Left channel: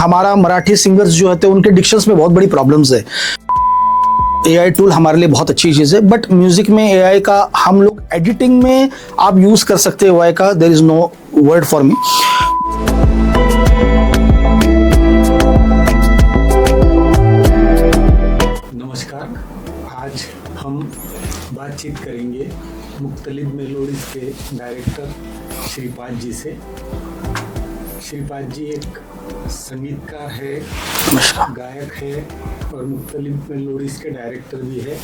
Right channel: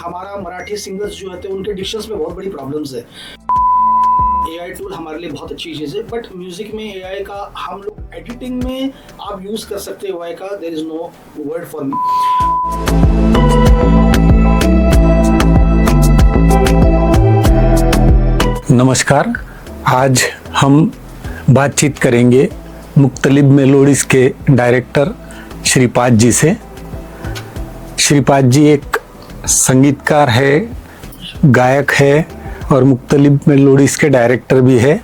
हमारा मराठी सिंगर्स जो होते हैं उनके डिक्शंस में बहुत बड़ी प्रॉब्लम्स है। एआई टूल हमारे लिए बहुत अच्छी चीज़ है, बट म्यूजिक में एआई का हम लोग एडिटिंग में आप यूज़ कर सकते हो एआई का, there is no word for me. नमस्कार, आज हम बातचीत करेंगे मुख्तलिफ मेलोडीज़ के डायरेक्टर श्रीपाद जी से। श्रीपाद जी एक संगीतकार है, गायक है और मुख्तलिफ मेलोडीज़ के डायरेक्टर भी है।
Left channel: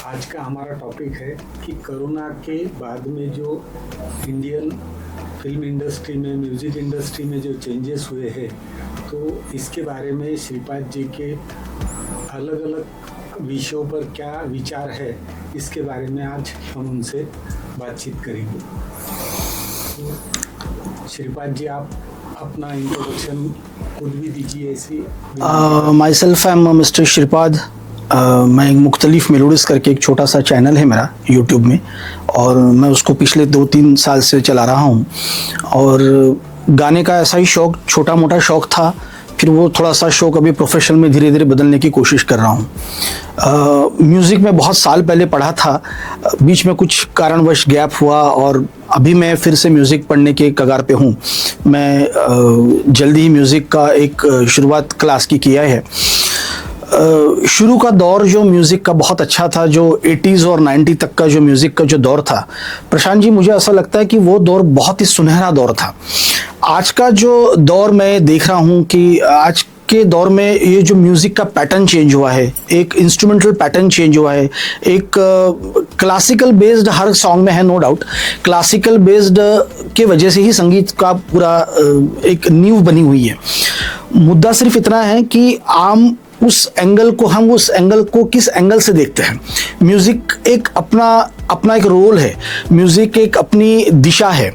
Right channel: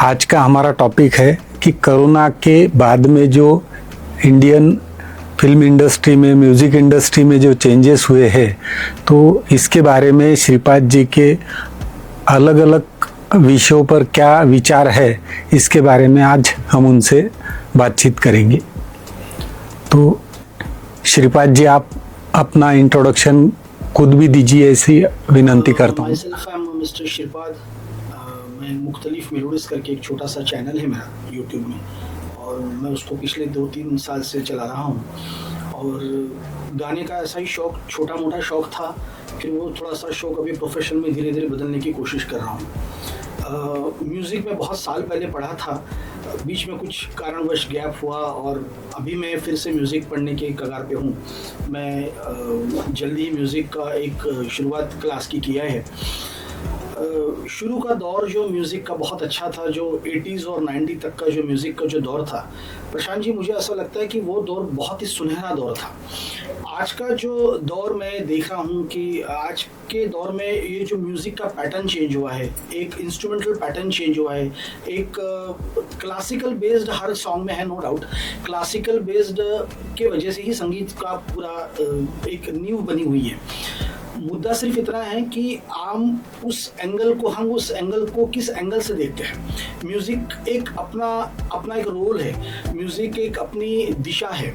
आज का हमारा टॉपिक है कि कोरोना के बाद में जो इंडियन फिल्म इंडस्ट्री में, म्यूज़िक इंडस्ट्री में जो चेंजेस हुए हैं, तो इसके बारे में श्रीपाद जी के अलग अलग विषयों पर क्या विचार है, इसके बारे में आज हम उनसे बातचीत करेंगे। तो श्रीपाद जी, आप अपना इंट्रोडक्शन खुद भी दीजिए, ऐसी विनंती करता हूं। My self I am mister Shripad. मैं एक मुख्तलिफ मेलोडीज़ करके एक छोटा सा चैनल है मेरा यूट्यूब में, और मैं उसको पिछले 2-3 साल से चला रहा हूँ। और गाने का ऐसा ही शौक़, छोटा मोटा शौक़ था, फिर वो थोड़ा सा शौक़ अभी प्रोफेशन में धीरे धीरे बदलने की कोशिश कर रहा हूँ। म्यूज़िक में बहुत साल पहले पढ़ा था, बीच में कुछ कारणवश गैप हुआ और अभी मैं फिर से म्यूज़िक पढ़ने के कगार पे हूँ। मैं जल्दी ही म्यूज़िक का एक शुरुआत क्लास की किया है। शुरू का दौर जो म्यूज़िक का बहुत अच्छा था, जो 80s और 90 तक का जो म्यूज़िक का जो दौर था, प्रशांत जी, मुझे ऐसा लगता है कि वो दौर बहुत ही सुनहरा दौर था। आज का जो दौर मैं देख रहा हूँ कि आज के दौर में ये जो म्यूज़िक का पैटर्न चेंज हुआ है, एक इंस्ट्रूमेंटल पैटर्न चेंज हुआ है, एक क्लासिकल बेस्ड हर सॉन्ग में है, नो डाउट। क्लासिकल बेस्ड के वजह से ही संगीत का पूरा एक नींव बनी हुई है। मुद्दा सिर्फ इतना है कि हम उस एंगल को किस एंगल से देखते हैं। म्यूज़िक एक अपना एक रोल है, म्यूज़िक एक अपनी दिशा है।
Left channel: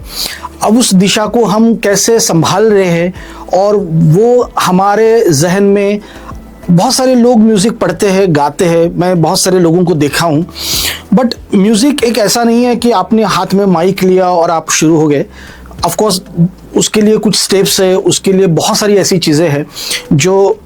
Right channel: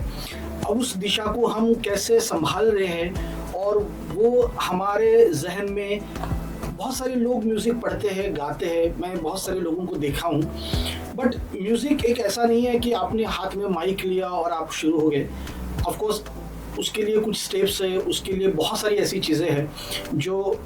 अब उस दिशा को हम कैसे संभाल रहे हैं, और वो हमारे जहन में बहुत सारे लोग म्यूज़िक पढ़ते हैं, गाते हैं, मैं बहुत सारे लोगों को देखा हूँ। बट म्यूज़िक एक ऐसा नहीं है कि आपने हाथ में माइक लिया और आप शुरू हो गए। ऑफ कोर्स उसके लिए कुछ स्टेप्स है, उसके लिए बहुत सारी ऐसी चीज़ें हैं जो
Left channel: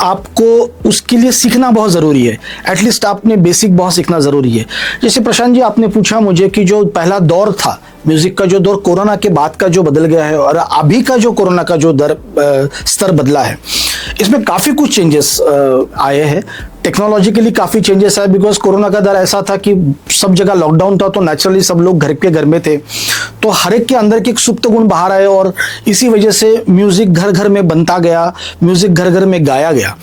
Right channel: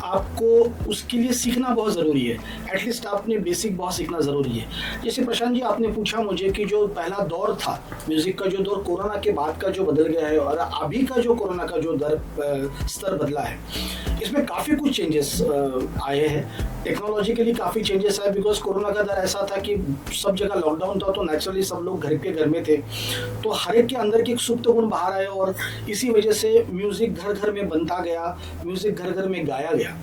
आपको उसके लिए सीखना बहुत ज़रूरी है। एटलीस्ट आपने बेसिक बहुत सीखना ज़रूरी है। जैसे प्रशांत जी, आपने पूछा मुझे कि जो पहला दौर था म्यूज़िक का, जो दौर कोरोना के बाद का जो बदल गया है, और अभी का जो कोरोना का जो स्तर बदला है, इसमें काफ़ी कुछ चेंजेस आए हैं। टेक्नोलॉजिकली काफ़ी चेंजेस आए, बिकॉज कोरोना का दर ऐसा था कि सब जगह लॉकडाउन था, तो नेचुरली सब लोग घर में थे, तो हर एक के अंदर के एक सुप्त गुण बाहर आए, और इसी वजह से म्यूज़िक घर घर में बनता गया, म्यूज़िक घर घर में गाया गया।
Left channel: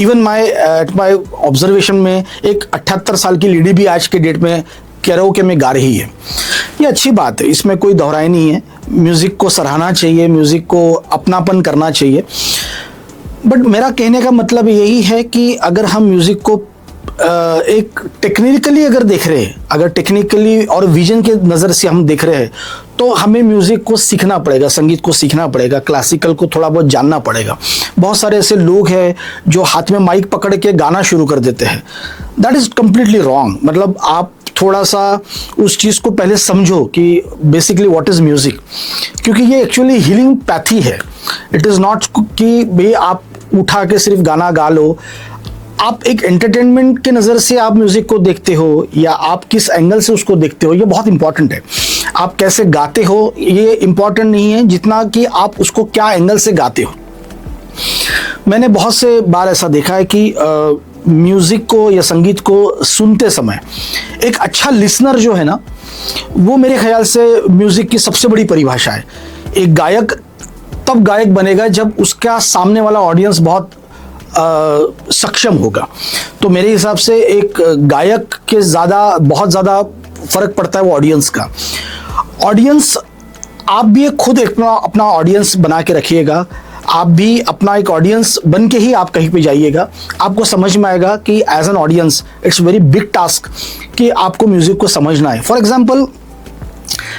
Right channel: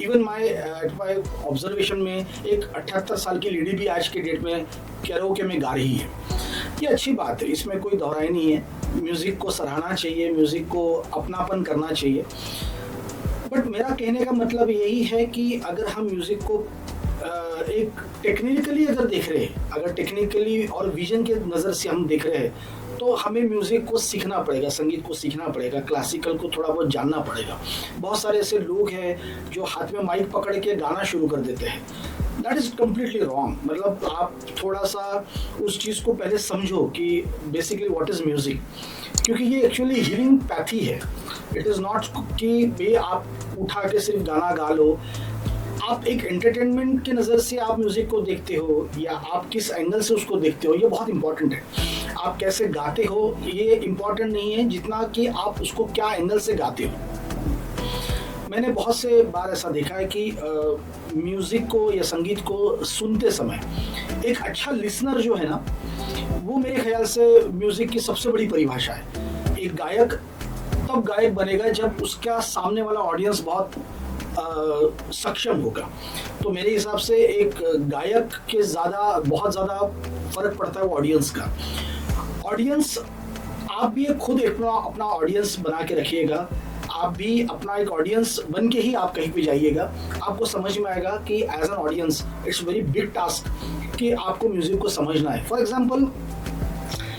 इवन एट माई ऑब्जर्वेशन में एक 78 साल की लेडी भी आज के डेट में कैरोके में गा रही है। ये अच्छी बात है, इसमें कोई दोहराई नहीं है। म्यूज़िक को सराहना चाहिए, म्यूज़िक को अपनापन करना चाहिए। बट मेरा कहने का मतलब यही है कि अगर हम म्यूज़िक को एक टेक्निकली अगर देख रहे हैं, अगर टेक्निकली और विजन के नज़र से हम देख रहे हैं, तो हमें म्यूज़िक को सीखना पड़ेगा, संगीत को सीखना पड़ेगा, क्लासिकल को थोड़ा बहुत जानना पड़ेगा। बहुत सारे ऐसे लोग हैं जो हाथ में माइक पकड़ के गाना शुरू कर देते हैं। That is completely wrong. मतलब आप थोड़ा सा उस चीज़ को पहले समझो कि बेसिकली व्हाट इज़ म्यूज़िक, क्योंकि ये एक्चुअली हीलिंग पैथी है। इट इज़ नॉट कि भाई आप उठा के सिर्फ गाना गा लो। आप एक एंटरटेनमेंट के नज़र से आप म्यूज़िक को देखते हो, या आप किस एंगल से उसको देखते हो, ये बहुत इंपॉर्टेंट है। आप कैसे गाते हो ये इम्पॉर्टेंट नहीं है जितना कि आप उसको क्या एंगल से गाते हो। मैंने बहुत से बार ऐसा देखा है कि म्यूज़िक को या संगीत को सुनते समय एक अच्छा लिसनर जो है ना, वो मेरे ख्याल से म्यूज़िक की सबसे बड़ी परिभाषा है। एक गायक तब गायक बनेगा जब उसका सामने वाला ऑडियंस बहुत सक्षम होगा। तो मेरे हिसाब से एक गायक के बहुत ज़्यादा फ़र्क पड़ता है वो ऑडियंस का। ऑडियंस, आप भी खुद अपना ऑडियंस बना के रखिएगा। आप भी अपना एक ऑडियंस बन के ही आप कहीं पे जाइएगा। आपको समझ में आएगा कि as an audience it's very big task कि आपको म्यूज़िक को समझना है। फॉर एग्जांपल,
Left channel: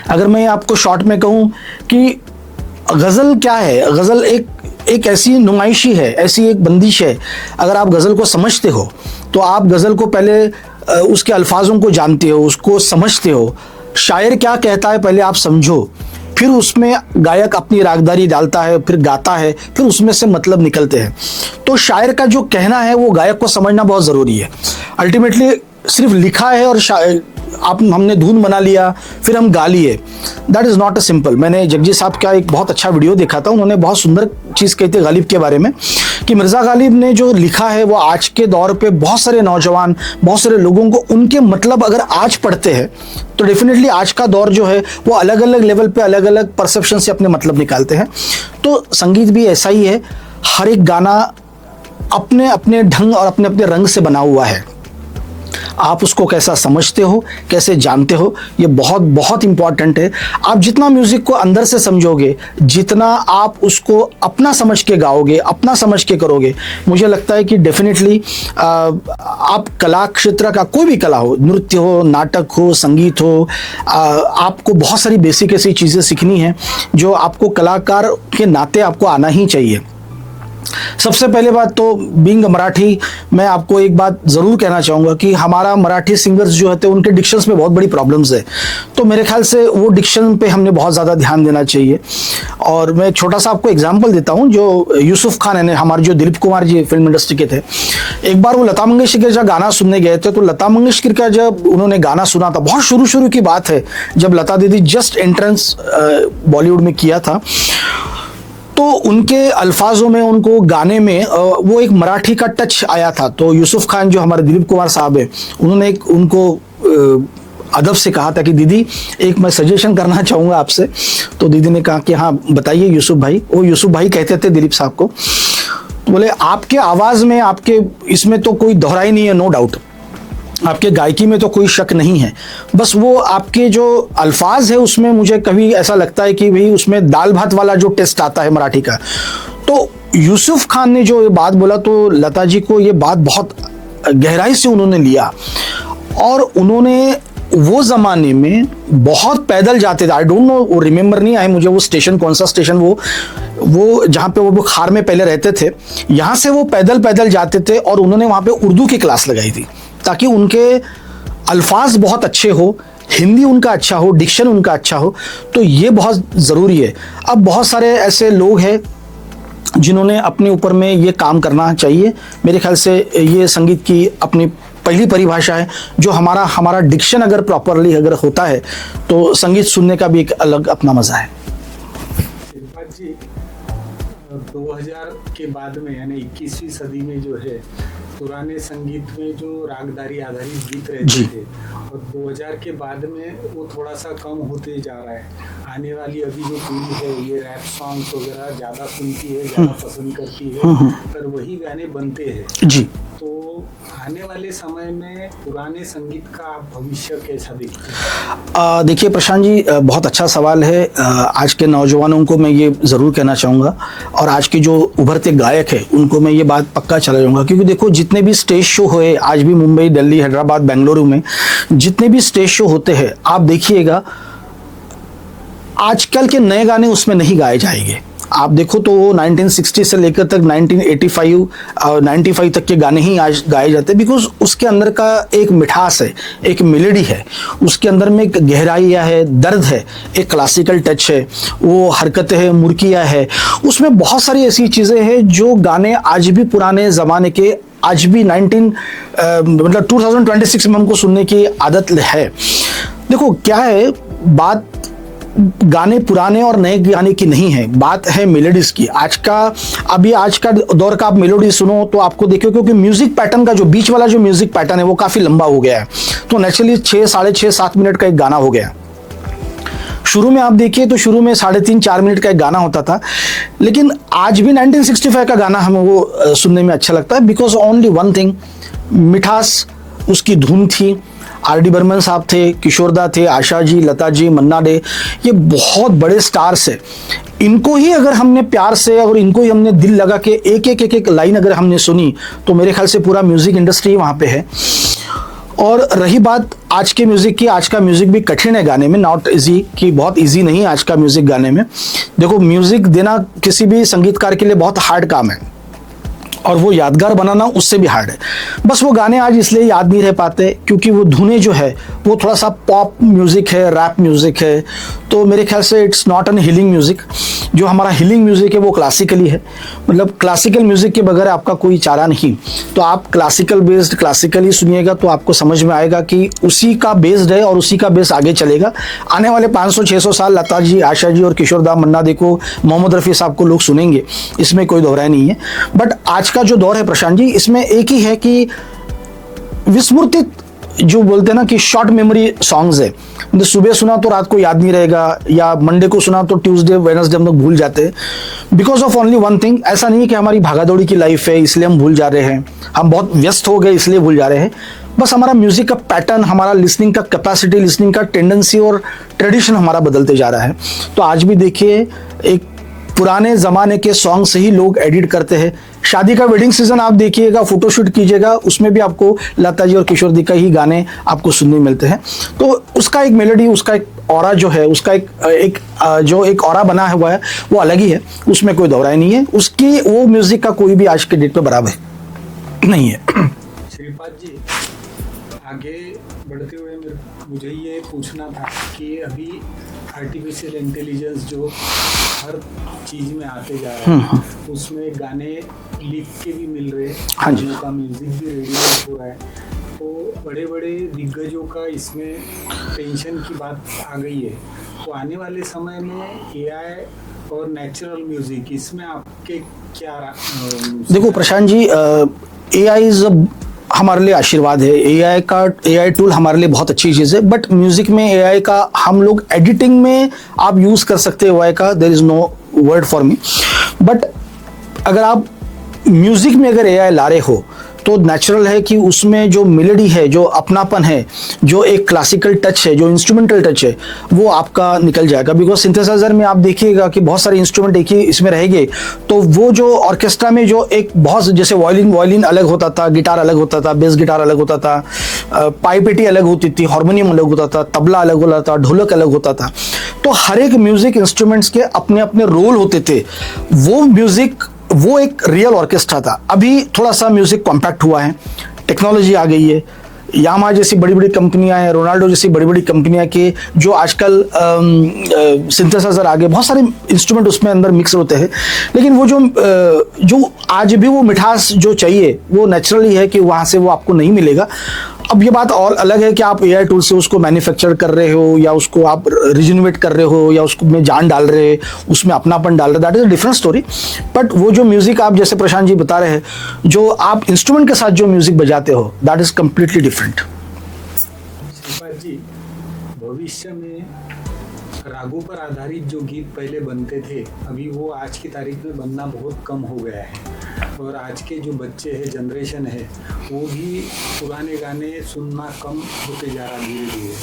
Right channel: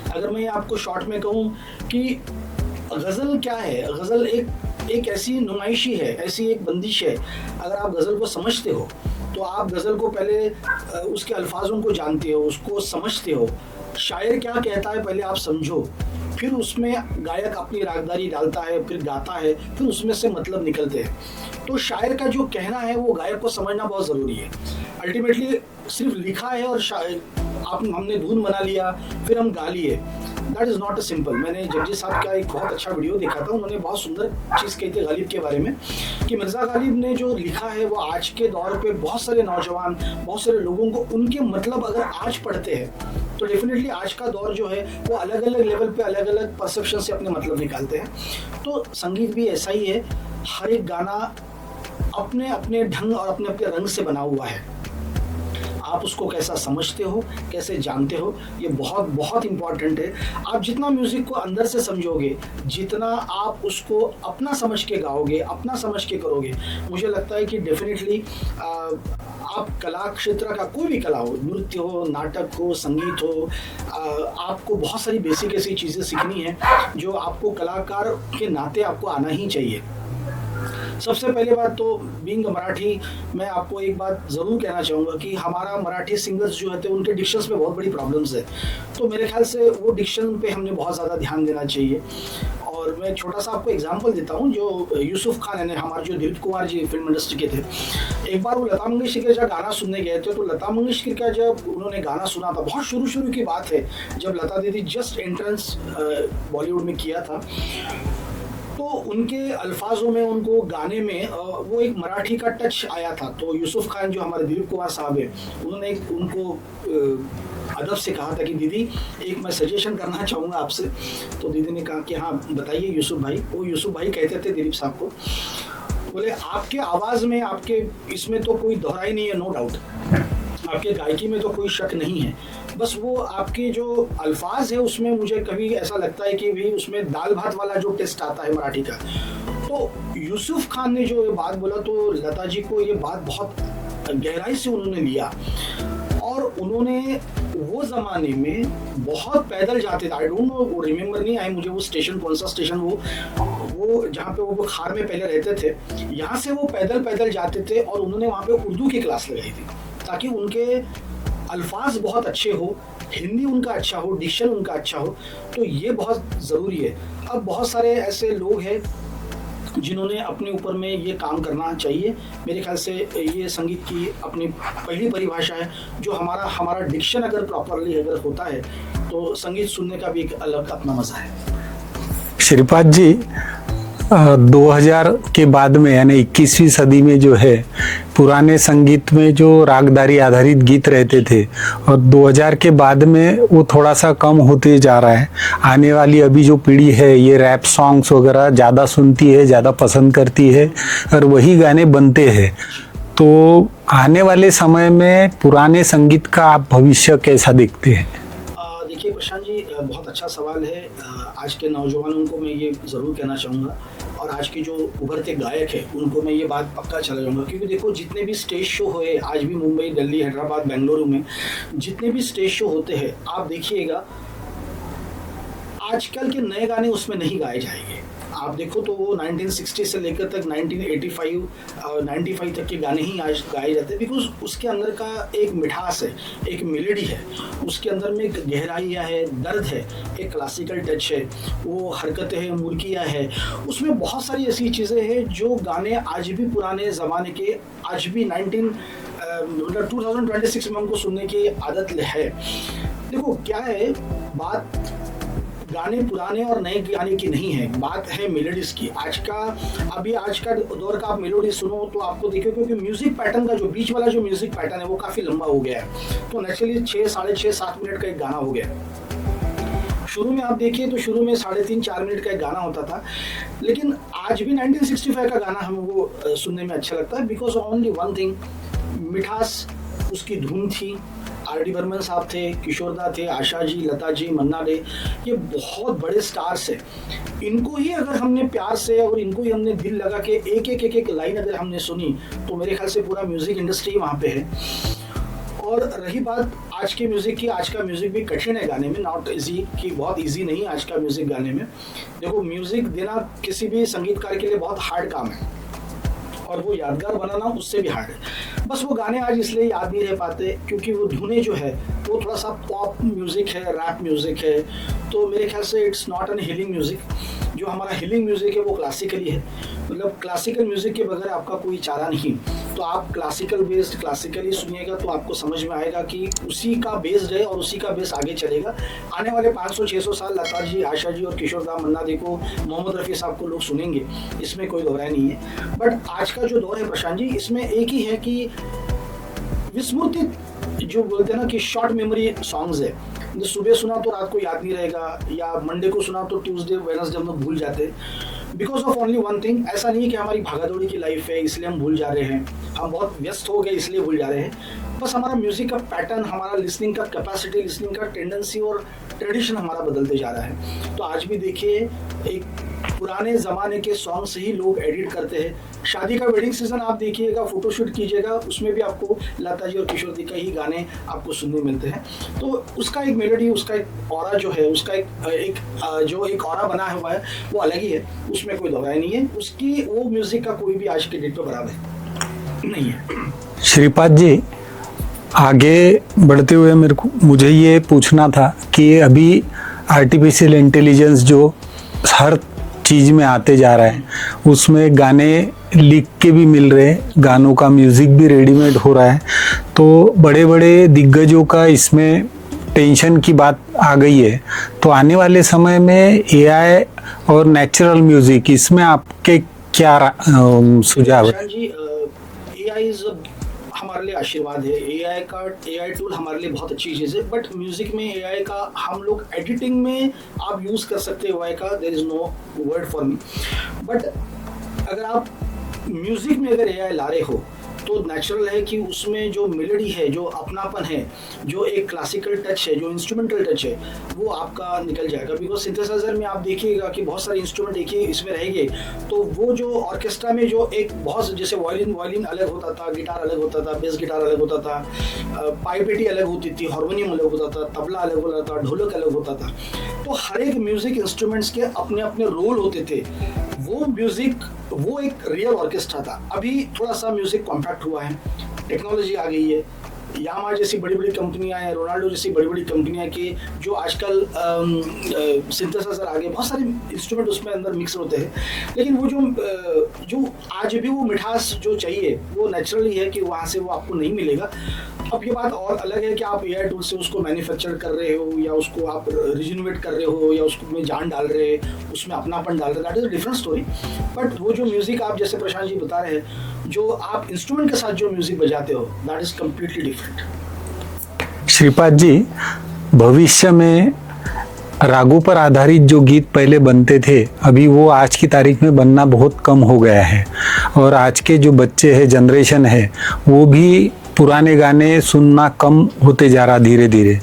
अगर मैं आपको शॉर्ट में कहूँ कि गज़ल क्या है, गज़ल एक ऐसी नुमाइशी है, ऐसी एक बंदिश है। अगर आप गज़ल को समझते हो तो आप गज़ल को पहले उसके अल्फाजों को जानते हो, उसको समझते हो। शायर क्या कहता है पहले आप समझो, फिर उसमें गायक अपनी रागदारी डालता है, फिर गाता है, फिर उसमें से मतलब निकलते हैं। तो शायर का जो कहना है वो गायक को समझना बहुत ज़रूरी है। अल्टीमेटली सिर्फ लिखा है और हमने धुन बना लिया फिर हम गा लिए, that is not a simple. मैंने जगजीत साहब का एक बहुत अच्छा वीडियो देखा था, उन्होंने बहुत सुंदर चीज़ कही थी गालिब के बारे में कि मिर्ज़ा गालिब ने जो लिखा है वो आज के दौर पे बहुत सारे नौजवान, बहुत सारे लोगों को उनके मतलब अगर आज पढ़ते हैं तो डेफिनेटली आज का दौर जो है वो अलग अलग लेवल पे अलग अलग परसेप्शन से अपने मतलब निकालते हैं। तो संगीत भी ऐसा ही है, हर एक गाना अपने अपने ढंग और अपने अपने रंग से बना हुआ है। आप उसको कैसा समझते हो, कैसे जानते हो, ये बहुत बहुत इंपॉर्टेंट है। आप जितना म्यूजिक को अंदर से समझोगे, जितना आप उसको अपना समझ के गाओगे, अपना समझ के करोगे, मुझे लगता है कि डेफिनेटली आप कला क्षेत्र का कोई भी कला हो, नृत्य हो, नाटक हो, संगीत हो, आपको बहुत सारी बेसिक ऐसी चीज़ें सीखनी है जो आपको कलाकार के नाते आपको आना ही चाहिए। सबसे पहले बात तो बीइंग मराठी, मैं आपको एक बात ज़रूर कहना चाहूँगा कि हमारा मराठी सिंगर्स जो होते हैं उनके डिक्शंस में बहुत बड़ी प्रॉब्लम्स है। तो मेरे ख्याल से वो डिक्शन पे हमने बहुत ज़्यादा ध्यान देना चाहिए। और मैं छोटा सा आपको एग्जांपल देता हूँ, जो यूसुफ खान है, हमारे जो दिलीप कुमार जी फिल्म इंडस्ट्री के थे, एक बार वो लता मंगेशकर का गाना सुनने गए थे। तो लता मंगेशकर का जब उन्होंने गाना सुना था, बहुत शुरू की बात है, जब लता दीदी जस्ट एंट्रेंस बॉलीवुड में किया था, तो उनके अल्फाजों में, उनको गाने में वो एक मराठी का टच आया था। तो यूसुफ खान जो हमारे दिलीप कुमार साहब है, उन्होंने एक उनको अदब से कहा था कि दीदी एक मैं सजेशन करना चाहूँगा आपसे। तो दीदी ने कहा कि हाँ बताइए यूसुफ भाई। वो यूसुफ भाई कहते थे दिलीप साहब को, तो बोले आपके आवाज़ में, आपके इसमें तो कोई दोहराई नहीं है, नो डाउट, आपके गायकी में तो कोई शक नहीं है, बस वो आपके जो अल्फाज है उसमें मुझे कभी ऐसा लगता है कि भाई उसमें दाल भात वाला जो टेस्ट आता है मराठी का। तो यूसुफ खान ने जो ये बात बोला तो लता जी को ये बात बहुत गहराई से उन्होंने लिया, और उन्होंने वो ज़माने में बहुत पैदल जाते थे। आई डोंट नो, वो रिमेंबर नहीं आए मुझे वो स्टेशन, कौन सा स्टेशन वो जहाँ पे वो बुखार में पहले रहते थे, यहाँ से वो पैदल जाते थे और उन्होंने वहाँ पे उर्दू की क्लास लगाई थी ताकि उनके अल्फाज बहुत अच्छे हो, हिंदी उनका अच्छा हो, डिक्शन उनका अच्छा हो। तो ये बहुत ज़रूरी है। अब बहुत सारे ऐसे लोग हैं जिन्होंने अपने ऊपर में ये काम करना चाहिए। मेरे ख्याल से ये संगीत की अपनी पहली परिभाषा है, जो हमारा डिक्शन अगर प्रॉपरली अगर होता है तो संगीत सुनने का भी एक अलग अपना मज़ा है। श्रीपाद जी, 2000 के बाद में यानी 21वीं सदी में जो है पुराने संगीत में जो रागदारी आधारित गीत रहते थे, और 2000 के बाद में वो थोड़ा सा कम होते जा रहा है। आने वाली अभी जो पीढ़ी है ये रैप सॉन्ग्स वगैरह ज़्यादा सुनती है, ज़्यादा पसंद करती है, और वही गाने बनते हैं जी। तो आने वाले समय में पुराने संगीत का आप भविष्य कैसा देखते हैं? देखिए प्रशांत जी, बहुत अच्छा सवाल है। आज के नौजवानों को मैं ये ज़रूर कहना चाहूँगा, और आज के जो उभरते गायक हैं उनको मैं ये बात पक्का चला जाऊँगा, क्योंकि देखो जितने भी स्टेज शो हुए आज भी मुंबई, दिल्ली, हैदराबाद, बेंगलुरु में जितने भी स्टेज शो होते हैं, आप देखिएगा आजकल के नए गाने उसमें नहीं गाए जाएंगे। आप देखो तो वो 1960 से लेकर तक 1985 और 95 तक के गाने ही आज गाए जाते हैं, बिकॉज उसके अंदर का एक मिठास है, एक मेलोडी है, उसके अंदर में एक गहराई है, दर्द है, एक क्लासिकल टच है, वो हरकतें हैं, मुर्कियाँ है, उसमें बहुत सारी ऐसी चीज़ें हैं जो गाने आज भी पुराने ज़माने के, आज भी 2026 में हमको सुनने की आदत है। देखो क्या है बात, गाने पुराने और नए गाने की नहीं है, बात है मेलोडीज की। आज का दौर का आप मेलोडी सुनो तो आपको देखो, क्योंकि म्यूजिक पैटर्न का जो बीच वाला जो म्यूजिक पैटर्न है वो काफ़ी लंबा हो गया है, तो नेचुरली 6, साढ़े 6, 7 मिनट का एक गाना हो गया। शुरू में आप देखिए तो शुरू में 3.5, 4 मिनट का एक गाना होता था, लेकिन आज भी 1965 का गाना हमें वो सुनने में अच्छा लगता है, बिकॉज ओनली वन थिंग, मिठास उसकी धुन थी। आर.डी. बर्मन साहब थे, किशोरदा थे, आशा जी, लता जी, मन्ना डे, ये बहुत बड़े स्टार्स है। इनको ही अगर हमने प्यार से और इनको ही हमने दिल लगा के एक लाइन अगर हमने सुनी तो मेरे ख्याल से पूरा म्यूज़िक इंडस्ट्री वहाँ पे है। और रही बात आज के म्यूज़िक की, आज का म्यूज़िक भी कठिन है गाने में, नॉट इजी, कि बहुत इजी नहीं आज का म्यूज़िक गाने में। देखो म्यूज़िक देना किसी भी संगीतकार के लिए बहुत हार्ड काम है, और वो यादगार बनाना उससे भी हार्ड है। बस वो गाने आज इसलिए याद नहीं रह पाते क्योंकि वो धुनें जो है वो थोड़ा सा पॉप म्यूज़िक है, रैप म्यूज़िक है, तो मेरे ख्याल से it's not an healing music. जो हमारा हीलिंग म्यूज़िक है वो क्लासिकली है, मतलब क्लासिकल म्यूज़िक के बगैर आपका कोई चारा नहीं। तो आप क्लासिकल बेस्ड क्लासिकली सुनिएगा तो आपको समझ में आएगा कि उसी का बेस्ड है और उसी का बेस आगे चलेगा। आने वाले 500-600 साल लता जी, आशा जी और किशोर दा, मन्ना दे को, मोहम्मद रफ़ी साहब को लोग सुनेंगे, इसमें कोई दोहराई नहीं है। बट आज का जो दौर है प्रशांत जी, इसमें एक ही है कि विस्मृतित जो बोलते हैं ना कि शॉर्ट मेमोरी सॉन्ग्स है, मतलब सुबह सुना तो रात को याद नहीं रहेगा, या मंडे को सुना तो ट्यूसडे वेडनेसडे हम लोग भूल जाते हैं because of only one thing. ऐसा नहीं है कि हमारी भागादौड़ी की लाइफ है इसलिए हम भूल जा रहे हैं, हम बहुत व्यस्त हो गए इसलिए भूल जा रहे हैं। बस हमारा म्यूजिक का पैटर्न, हमारा लिसनिंग का कैपेसिटी, लिसनिंग का टेंडेंसी और ट्रेडिशन हमारा बदलते जा रहा है। तो आज भी देखिए, एक पुराने ज़माने के सॉन्ग से ही लोग एडिट करते हैं। शादी का वेडिंग सीजन आप देखिएगा, फोटोशूट कीजिएगा, उसमें भी आपको लता जी और किशोर दी का ही गाने आपको सुनने मिलते हैं। तो उसका एक मेलोडी, उसका एक ऑरा जो है, उसका एक ऑरा बना हुआ है वो अलग ही है, उसमें कोई दोहराई नहीं है। उसकी वो म्यूजिक का कोई भी आज के डेट पे बराबर नहीं है। श्रीपाद जी, आगे बढ़ते हुए मुझे ये पूछना था कि अभी आर्टिफिशियल इंटेलिजेंस जो हर चीज में आते जा रहा है, उसमें गाने लिख के भी मिल रहे हैं, गानों का म्यूजिक भी रेडीमेड हो रहा है, तो बड़े बड़े दिग्गजों का इसमें टेंशन की बात आ गई है। तो आने वाले समय में एआई और नेचुरल म्यूजिक, इसमें आपके क्या देखो प्रशांत जी, एआई हमारे लिए आशीर्वाद है। एआई टूल हमारे लिए बहुत अच्छी चीज़ है, बट म्यूजिक में एआई का हम लोग एडिटिंग में आप यूज़ कर सकते हैं एआई का, there is no word for me. But अगर आप म्यूजिक में अगर एआई ला रहे हो तो नेचुरल है कि उसमें जो मेलोडी है, जो अपनापन है, जो एक क्लासिकल टच है, जो इंस्ट्रूमेंटल टच है, वो आपका निकल जाएगा। बिकॉज सिंथेसाइजर में आप देखिएगा कि बहुत सारे इंस्ट्रूमेंट एक ही इसमें रहेंगे, तो वो जो ऑर्केस्ट्रा में जो एक बहुत, जैसे वायलिन अलग होता था, गिटार अलग होता था, बेस गिटार अलग होता था, पाइपेटी अलग होती थी, हारमोनियम अलग होता था, तबला अलग होता था, ढोलक अलग होता था। तो हर एक म्यूजिक इंस्ट्रूमेंट्स के अपने अपने रोल होते थे। वो म्यूजिक, वो एक रियल ऑर्केस्ट्रा था। अभी थोड़ा सा म्यूजिक कॉम्पैक्ट हुआ है, टेक्नोलॉजी आ गई है, यामा जैसी बड़ी बड़ी कंपनियां हैं, रोनाल्डो जैसी बड़ी बड़ी कंपनियां के जो आजकल सिंथेसाइजर आ गए, बहुत सारे इंस्ट्रूमेंट उसमें अंदर मिक्स होते हैं। लेकिन वो जो आज भी वो मिठास जो चाहिए वो नेचुरली है कि वहाँ से वो आपको नहीं मिलेगा। अब ये बात और अलग है कि आप एआई टूल से उसको मैन्युफैक्चर कर रहे हो, या उसको आप रिजनरेट कर रहे हो, या उसको में जान डाल रहे हैं, उसमें अपनापन डाल रहे, that is a different story. But वो जो म्यूजिक आप जैसे प्रशांत जी बता रहे हैं, जो आप इंस्ट्रूमेंट के साथ जो म्यूजिक बजाते हो, that is completely different. Shripad ji, भविष्य में रागों पर आधारित जो गीत पहले बनते थे, अभी वो आज की तारीख में बनना बहुत कम हो गया है, और आज के जो बच्चे हैं, जनरेशन है, वो भी पुराने गाने सुनना कम होते जा रहा धीरे धीरे।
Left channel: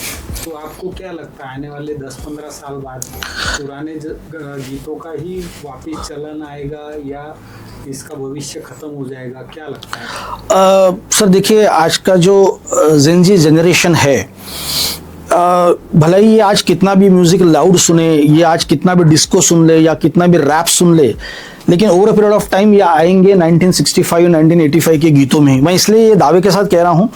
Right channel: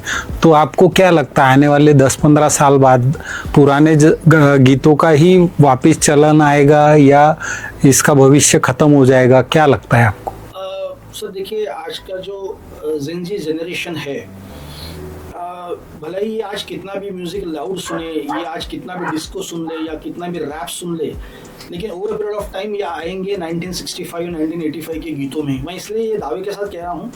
तो आपको क्या लगता है आने वाले 10-15 साल बाद पुराने गीतों का ही वापस चलन आएगा या इसका भविष्य खत्म हो जाएगा, क्या लगता है आपको? सर देखिए, आज का जो जेनजी जनरेशन है, भले ही ये आज कितना भी म्यूजिक लाउड सुने, ये आज कितना भी डिस्को सुन ले, या कितना भी रैप सुन ले, लेकिन over a period of time ये आएंगे 1965 1985 के गीतों में। मैं इसलिए ये दावे के साथ कह रहा हूँ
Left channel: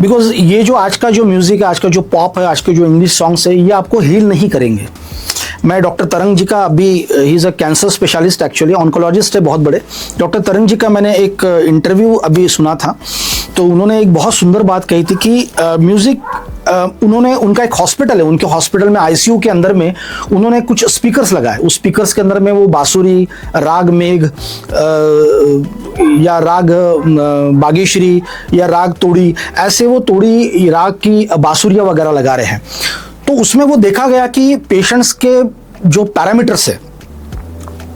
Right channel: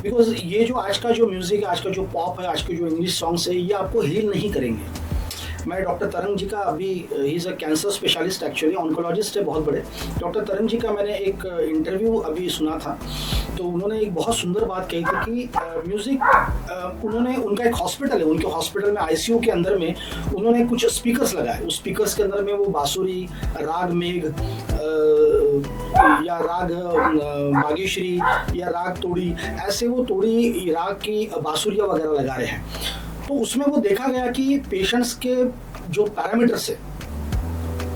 बिकॉज ये जो आज का जो म्यूजिक है, आज का जो पॉप है, आज के जो इंग्लिश सॉन्ग्स है, ये आपको हील नहीं करेंगे। मैं डॉक्टर तरंग जी का, अभी he is a cancer specialist, actually oncologist है बहुत बड़े। डॉक्टर तरंग जी का मैंने एक इंटरव्यू अभी सुना था, तो उन्होंने एक बहुत सुंदर बात कही थी कि म्यूज़िक, उन्होंने, उनका एक हॉस्पिटल है, उनके हॉस्पिटल में आईसीयू के अंदर में उन्होंने कुछ स्पीकर्स लगाए। उस स्पीकर्स के अंदर में वो बांसुरी, राग मेघ, या राग बागेश्वरी, या राग तोड़ी, ऐसे वो तोड़ी राग की बांसुरियाँ वगैरह लगा रहे हैं। तो उसमें वो देखा गया कि पेशेंट्स के जो पैरामीटर्स है,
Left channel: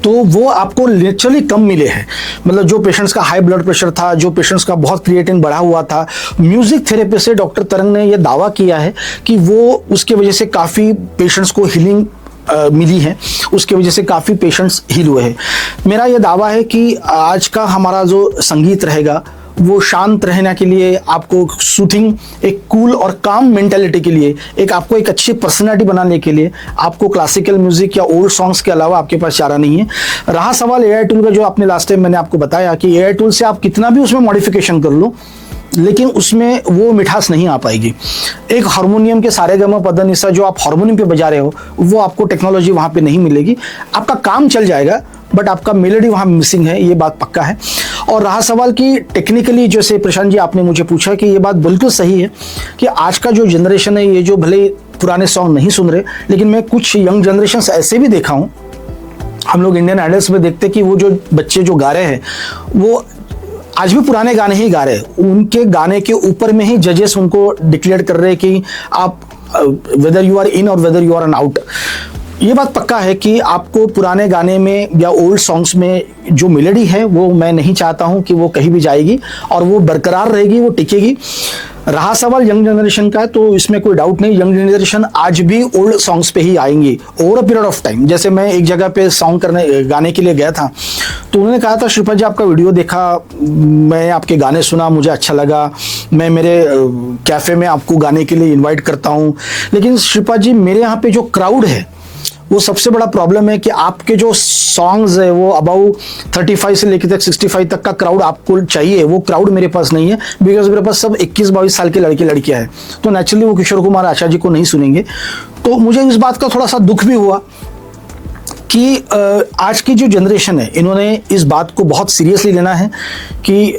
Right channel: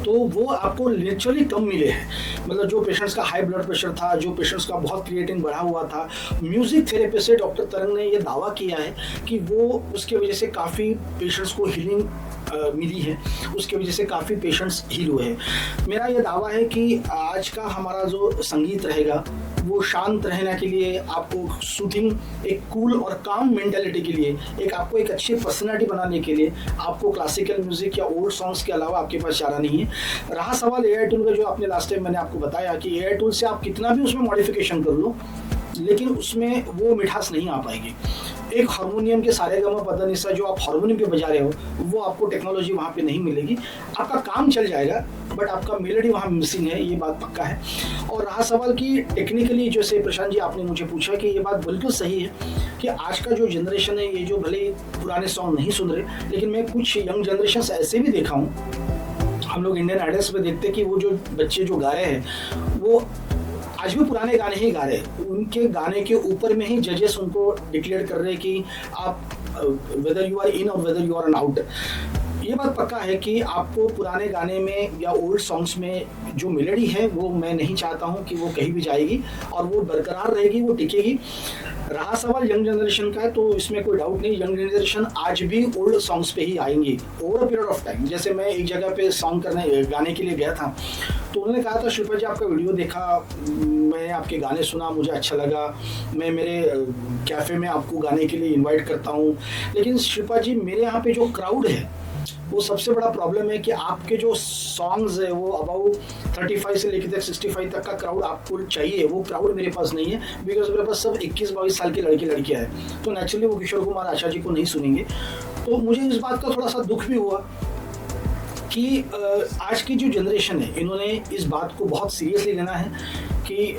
तो वो आपको नेचुरली कम मिले हैं। मतलब जो पेशेंट्स का हाई ब्लड प्रेशर था, जो पेशेंट्स का बहुत क्रिएटिन बढ़ा हुआ था, म्यूजिक थेरेपी से डॉक्टर तरंग ने ये दावा किया है कि वो उसके वजह से काफ़ी पेशेंट्स को हीलिंग मिली है, उसके वजह से काफ़ी पेशेंट्स हील हुए हैं। मेरा ये दावा है कि आज का हमारा जो संगीत रहेगा वो शांत रहने के लिए, आपको सूथिंग, एक कूल और काम मेंटेलिटी के लिए, एक आपको एक अच्छी पर्सनैलिटी बनाने के लिए आपको क्लासिकल म्यूजिक या ओल्ड सॉन्ग्स के अलावा आपके पास चारा नहीं है। रहा सवाल एआई टूल का, जो आपने लास्ट टाइम मैंने आपको बताया कि एआई टूल से आप कितना भी उसमें मॉडिफिकेशन कर लो, लेकिन उसमें वो मिठास नहीं आ पाएगी। एक हारमोनियम के सारे गमा पद निसा जो आप हारमोनियम पे बजा रहे हो, वो आपको टेक्नोलॉजी वहाँ पे नहीं मिलेगी। आपका काम चल जाएगा बट आपका मेलोडी वहाँ मिसिंग है, ये बात पक्का है। और रहा सवाल कि टेक्निकली, जैसे प्रशांत जी आपने मुझे पूछा, कि ये बात बिल्कुल सही है कि आज का जो जनरेशन है, ये जो भले पुराने सॉन्ग नहीं सुन रहे, लेकिन मैं कुछ यंग जनरेशन ऐसे भी देखा हूँ, हम लोग इंडियन आइडल्स में देखते कि वो जो बच्चे जो गा रहे हैं वो आज भी पुराने गाने ही गा रहे हैं। उनके गाने के ऊपर में ही जजेस उनको डिक्लेयर कर रहे हैं कि आप weather you are in or whether you are an out. ये बात पक्का है कि आपको पुराने गाने में या ओल्ड सॉन्ग्स में जो मेलोडी है वो मैं नहीं चाहता हूं कि वो कहीं भी जाएगी, और वो बरकरार रहेगी, वो टिकेगी। रहा सवाल यंग जनरेशन का, तो इसमें कोई डाउट नहीं, यंग जनरेशन आज भी ओल्ड सॉन्ग्स पे ही आएंगी over a period of time. जैसे मैं एक जगह पे सॉन्ग गाने के लिए गया था, तो उन्होंने कहा था, श्रीपाद जी आपका वीडियो देखा, मैं आपके गाने सुना, मुझे अच्छा लगा, मैं मेरे कैफ़े में आपको गाने के लिए इन्वाइट करता हूँ, लेकिन श्रीपाद जी मेरे यहाँ पे जो क्राउड है, वो सबसे बड़ा प्रॉब्लम है कि आपके जो सॉन्ग्स है वो अबाउ 35 से लेकर तक 65 तक का क्राउड आपको चाहिए, वो क्राउड मेरे पास नहीं है, बिकॉज मेरे पास सब 21-22 साल के लड़के लड़कियां हैं, तो नेचुरली वो किशोर कुमार आचार्य जी को नहीं सुनेंगे। तो मुझे इस बात का थोड़ा सा दुख भी हुआ कि आज की जो जनरेशन है, इन्होंने इस बात को बहुत सीरियसली लेना है कि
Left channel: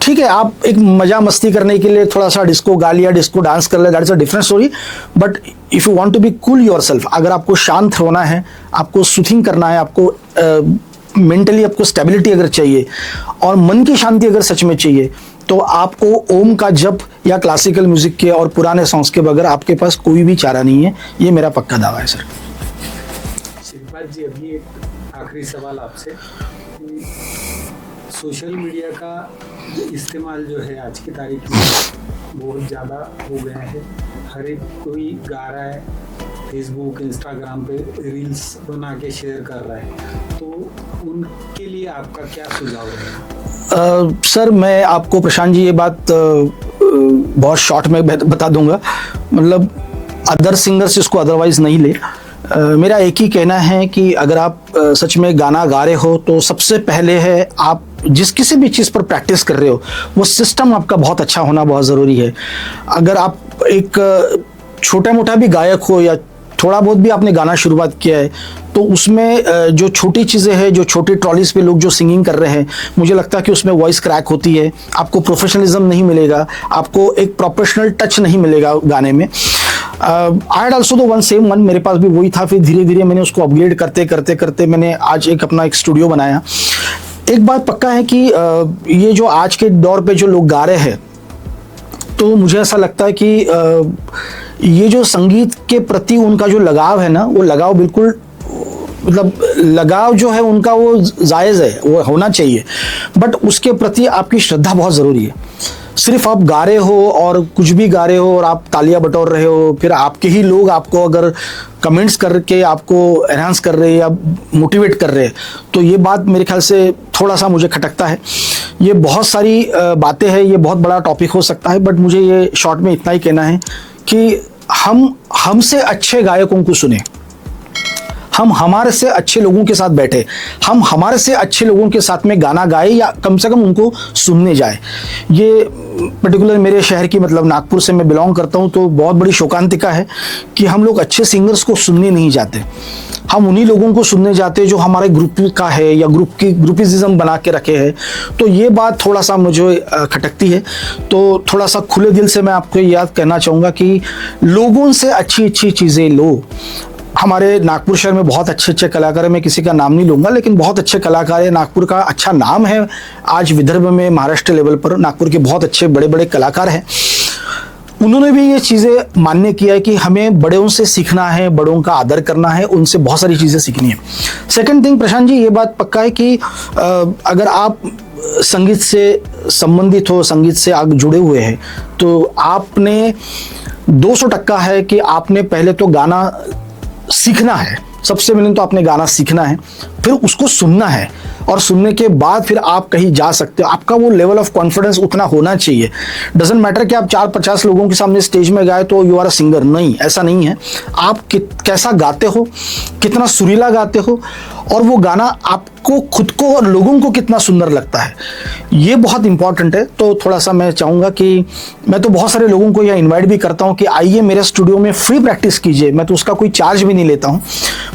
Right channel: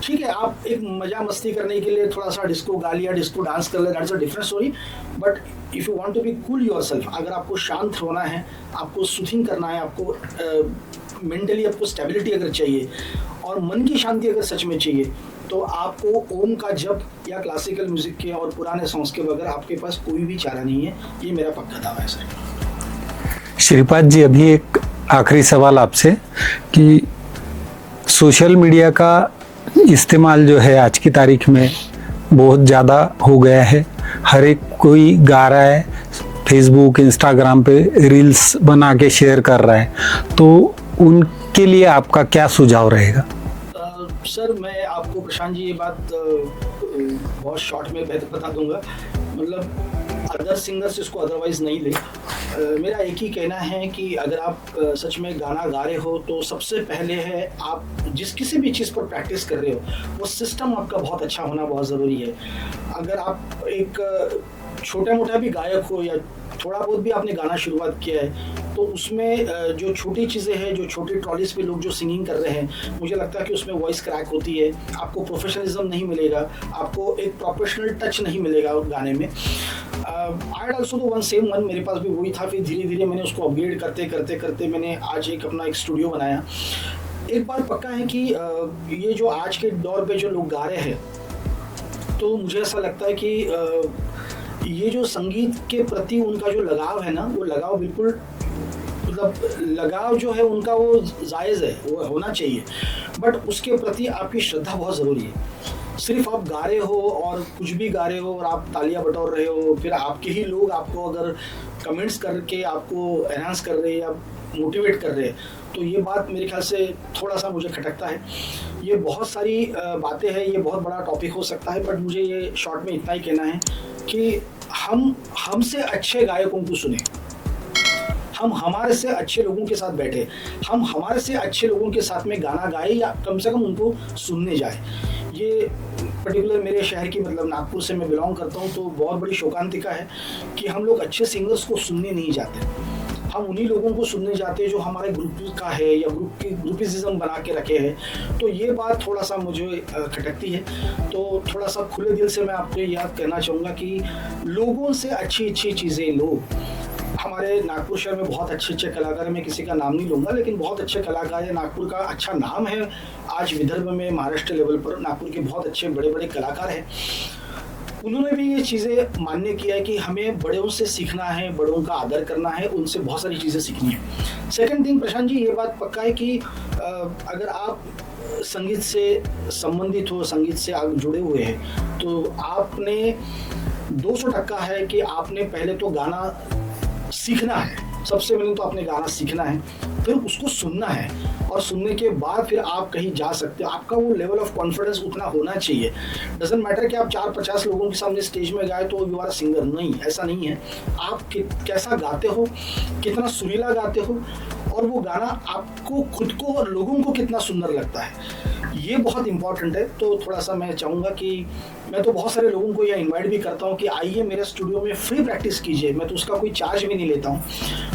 ठीक है, आप एक मजा मस्ती करने के लिए थोड़ा सा डिस्को गा लिया, डिस्को डांस कर लिया, that is a different story, but if you want to be cool yourself, अगर आपको शांत होना है, आपको सूथिंग करना है, आपको मेंटली आपको स्टेबिलिटी अगर चाहिए और मन की शांति अगर सच में चाहिए, तो आपको ओम का जप या क्लासिकल म्यूजिक के और पुराने सॉन्ग्स के बगैर आपके पास कोई भी चारा नहीं है। ये मेरा पक्का दावा है सर। श्रीपाद जी, अभी एक आखिरी सवाल आपसे कि सोशल मीडिया का इस्तेमाल जो है आज की तारीख में बहुत ज़्यादा हो गया है, हर एक कोई गा रहा है, फेसबुक इंस्टाग्राम पे रील्स बना के शेयर कर रहा है, तो उनके लिए आपका क्या सुझाव रहेगा? सर मैं आपको प्रशांत जी ये बात बहुत शॉर्ट में बता दूंगा, मतलब अदर सिंगर्स इसको अदरवाइज नहीं ले। मेरा एक ही कहना है कि अगर आप सच में गाना गा रहे हो, तो सबसे पहले है आप जिस किसी भी चीज़ पर प्रैक्टिस कर रहे हो, वो सिस्टम आपका बहुत अच्छा होना बहुत ज़रूरी है। अगर आप एक छोटा मोटा भी गायक हो या थोड़ा बहुत भी आपने गाना शुरुआत किया है, तो उसमें जो छोटी चीज़ें हैं, जो छोटी ट्रॉलीज पे लोग जो सिंगिंग कर रहे हैं, मुझे लगता है कि उसमें वॉइस क्रैक होती है, आपको प्रोफेशनलिज्म नहीं मिलेगा, आपको एक प्रोफेशनल टच नहीं मिलेगा गाने में। I had also the one same one, मेरे पास भी वही था, फिर धीरे धीरे मैंने उसको अपग्रेड करते करते करते मैंने आज एक अपना एक स्टूडियो बनाया। एक बात पक्का है कि ये जो आज के दौर पे जो लोग गा रहे हैं, तो मुझे ऐसा लगता है कि ये जो संगीत के प्रति उनका जो लगाव है ना, वो लगाव बिल्कुल, मतलब लगाव जो है उनका वो जायज़ है, वो होना चाहिए, बट उसके प्रति आपकी श्रद्धा बहुत ज़रूरी है। सिर्फ आप गा रहे हो और कुछ भी गा रहे हो और आप तालियां बटोर रहे हो, फिर आपके ही लोग आपको अगर कमेंट्स करके आपको एनहांस कर रहे हैं या मोटिवेट कर रहे हैं, तो ये बात मेरे ख्याल से थोड़ा सा मुझे खटकता है। ये बहुत सारी बातें हैं, ये बहुत बड़ा टॉपिक हो सकता है, बट मुझे ये शॉर्ट में इतना ही कहना है कि हमसे अच्छे गायकों को सुने, हम हमारे से अच्छे लोगों के साथ बैठे, हम हमारे से अच्छे लोगों के साथ में गाना गाए या कम से कम उनको सुनने जाए। ये पर्टिकुलर मेरे शहर की, मतलब नागपुर से मैं बिलोंग करता हूँ, तो बहुत बड़ी शोकांतिका है कि हम लोग अच्छे सिंगर्स को सुनने नहीं जाते, हम उन्हीं लोगों को सुनने जाते हैं जो हमारे ग्रुप का है या ग्रुपिज्म बना के रखे हैं। तो ये बात थोड़ा सा मुझे खटकती है। तो थोड़ा सा खुले दिल से मैं आपको याद कहना चाहूँगा कि लोगों से अच्छी अच्छी चीज़ें लो। हमारे नागपुर शहर में बहुत अच्छे अच्छे कलाकार हैं, मैं किसी का नाम नहीं लूँगा, लेकिन बहुत अच्छे कलाकार हैं। नागपुर का अच्छा नाम है आज विदर्भ में, महाराष्ट्र लेवल पर नागपुर के बहुत अच्छे बड़े बड़े कलाकार हैं। उन्होंने भी ये चीज़ें मान्य किया है कि हमें बड़ों से सीखना है, बड़ों का आदर करना है, उनसे बहुत सारी चीज़ें सीखनी है। सेकंड थिंग प्रशांत जी, ये बात पक्का है कि अगर आप संगीत से संबंधित हो, संगीत से आप जुड़े हुए हैं, तो आपने 200% है कि आपने पहले तो गाना सीखना है। सबसे पहले तो आपने गाना सीखना है, फिर उसको सुनना है। और सुनने के बाद फिर आप कहीं जा सकते हो। आपका वो लेवल ऑफ कॉन्फिडेंस उतना होना चाहिए। डजेंट मैटर कि आप 4-50 लोगों के सामने स्टेज में गाए तो यू आर अ सिंगर, नहीं, ऐसा नहीं है। आप कैसा गाते हो, कितना सुरीला गाते हो, और वो गाना आपको खुद को और लोगों को कितना सुंदर लगता है, ये बहुत इंपॉर्टेंट है। तो थोड़ा सा मैं चाहूँगा कि मैं तो बहुत सारे लोगों को यह इनवाइट भी करता हूँ कि आइए मेरे स्टूडियो में फ्री प्रैक्टिस कीजिए। मैं तो उसका कोई चार्ज भी नहीं लेता हूँ,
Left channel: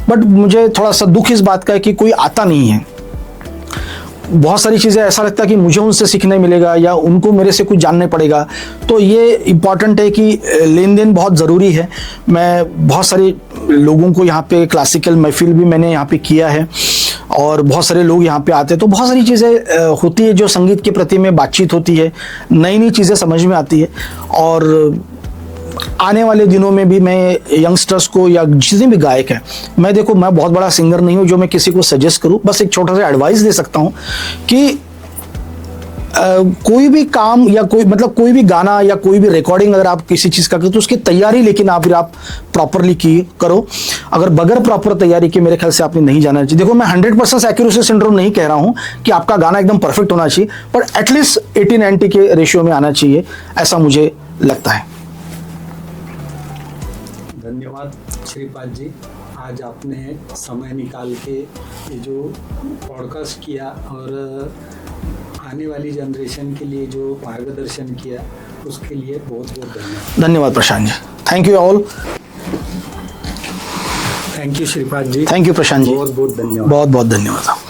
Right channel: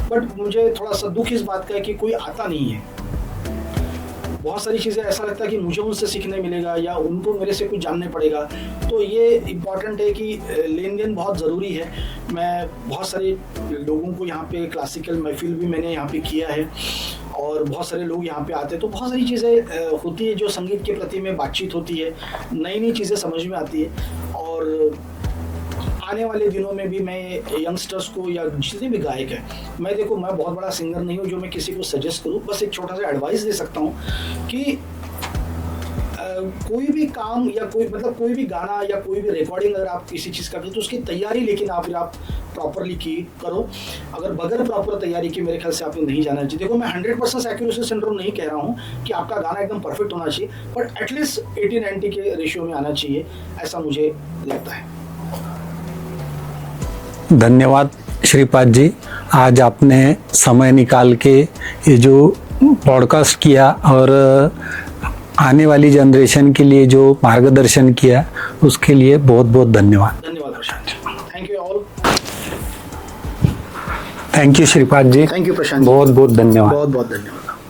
बट मुझे थोड़ा सा दुख इस बात का है कि कोई आता नहीं है। बहुत सारी चीज़ें ऐसा लगता है कि मुझे उनसे सीखने मिलेगा या उनको मेरे से कुछ जानने पड़ेगा। तो ये इम्पॉर्टेंट है कि लेन देन बहुत ज़रूरी है। मैं बहुत सारे लोगों को यहाँ पे क्लासिकल महफिल भी मैंने यहाँ पे किया है और बहुत सारे लोग यहाँ पे आते हैं, तो बहुत सारी चीज़ें होती है जो संगीत के प्रति में बातचीत होती है, नई नई चीज़ें समझ में आती है। और आने वाले दिनों में भी मैं यंगस्टर्स को या जितने भी गायक हैं, मैं देखो मैं बहुत बड़ा सिंगर नहीं हूँ जो मैं किसी को सजेस्ट करूँ, बस एक छोटा सा एडवाइस दे सकता हूँ कि कोई भी काम या कोई भी गाना या कोई भी रिकॉर्डिंग अगर आप किसी चीज़ का करते तो उसकी तैयारी लेकिन आप प्रॉपरली करो। अगर बगैर प्रॉपर तैयारी के मेरे ख्याल से आपने नहीं जाना चाहिए। देखो मैं 100% एक्यूरेसी सिंड्रोम नहीं कह रहा हूँ कि आपका गाना एकदम परफेक्ट होना चाहिए, पर एटलीस्ट 80-90 के रेशियो में आना चाहिए, ऐसा मुझे लगता है। धन्यवाद श्रीपाद जी, आज आपने समय निकाल के ये जो पॉडकास्ट किया और आने वाली जनरेशन के लिए जो मार्गदर्शन किया उसके लिए बहुत बहुत धन्यवाद। धन्यवाद Prashant ji, thank you all. Thank you Shripad ji, thank you Prashant ji, बहुत बहुत धन्यवाद। बहुत बहुत धन्यवाद।